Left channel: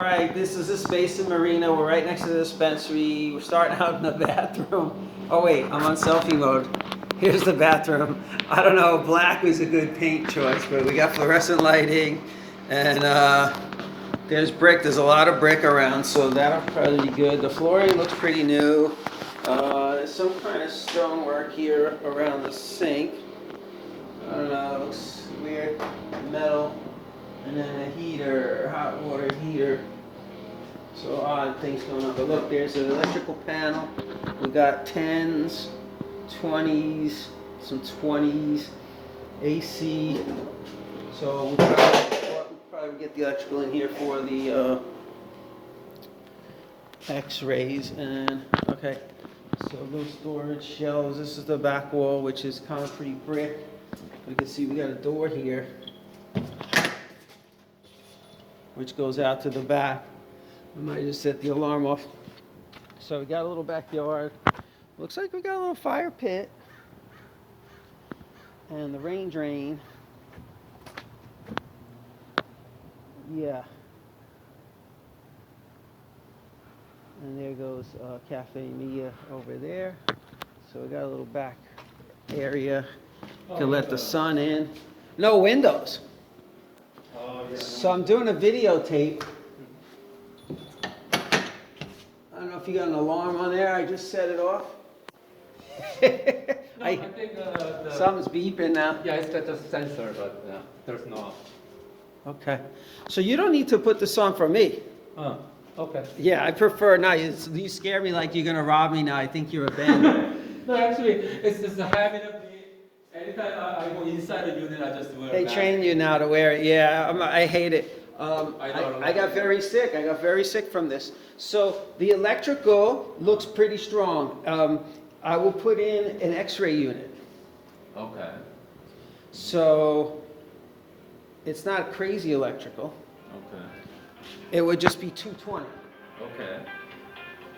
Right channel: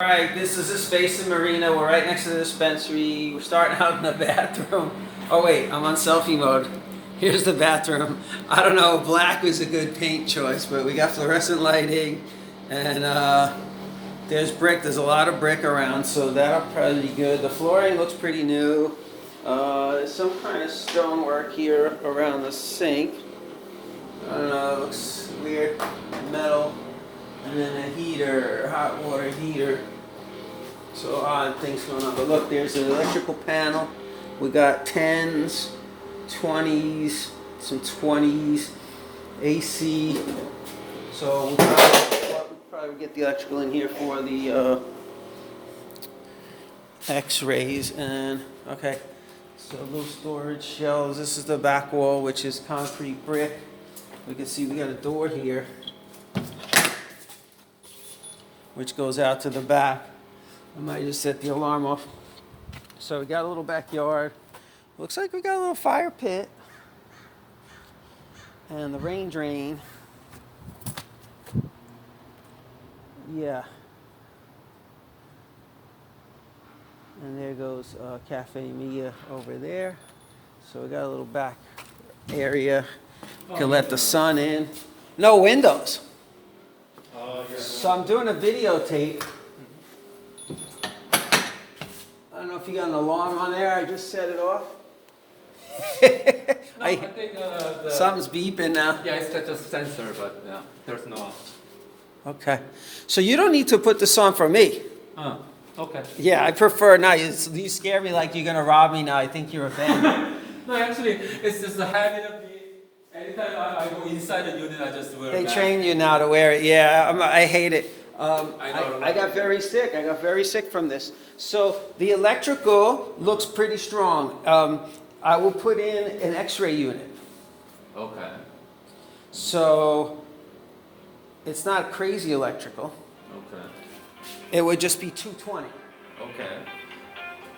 Alright, this is a space in Marina. We're right next to the dispensary. We're starting out in the bathroom. Oh wait, I'm on selfie mode. Here's the bathroom. I don't know, black was a good paint choice, but we got fluorescent lighting and there's brick. There's a lot of brick around, so that'll probably be good. The flooring looks pretty new. There's some kind of stonework here around the sink. I don't know, it looks weird. Metal. And then a heater, hot water heater. So odd things going on. But look, there's an electrical panel. We got 10s, 20s, some 20s, AC. So we'll probably get the electrical in here for the X-rays. And okay, so little storage shelves. This is the back wall, which is concrete brick. We can see we got a door here, which goes out to the back. I might just set the alarm off. So we got a little backyard. Looks like we got a little fire pit. And the rain drain. Yeah. And there goes Cafe Mia over there. So we got a little back area. Can let the sun in. No windows. So I'm doing a videotape. I don't know if you got an alarm on there. I just set it off. I think Something's beeping now. yeah, it's just a sensor, but yeah, there's no. Okay. So you don't need to put this on for me. Okay. Yeah, I prefer not. You scare me like you're going to rob me now. I think you're a bandit. No, actually, it's just a habit of me. Anytime I go inside the unit, I just wear They that. train you now to wear it. Yeah, I hate it. I got very sick. I got very sick from this. So the electrical looks pretty strong. I will put in an X-ray unit. Okay. So it's not crazy electrical. Okay. It would just be 220. Okay.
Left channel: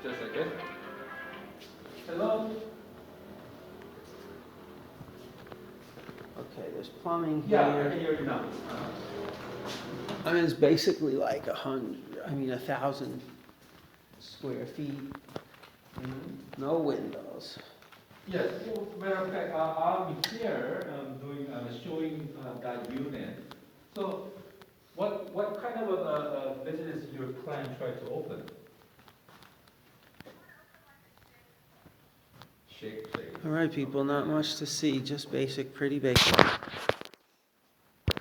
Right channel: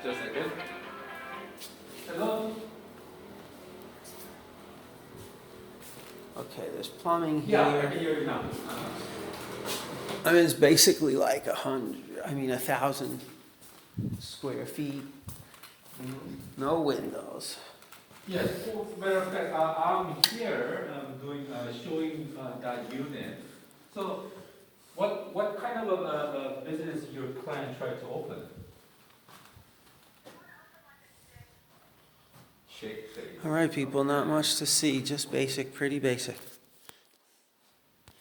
Just like it. Hello. Okay, there's plumbing Yeah, I here. can hear you now. I mean, it's basically like 1,000 square feet. No windows. Yes. So, matter of fact, I'm here doing showing that unit. So, what kind of a business your client try to open? Shake. All right, people, not much to see, just basic, pretty basic.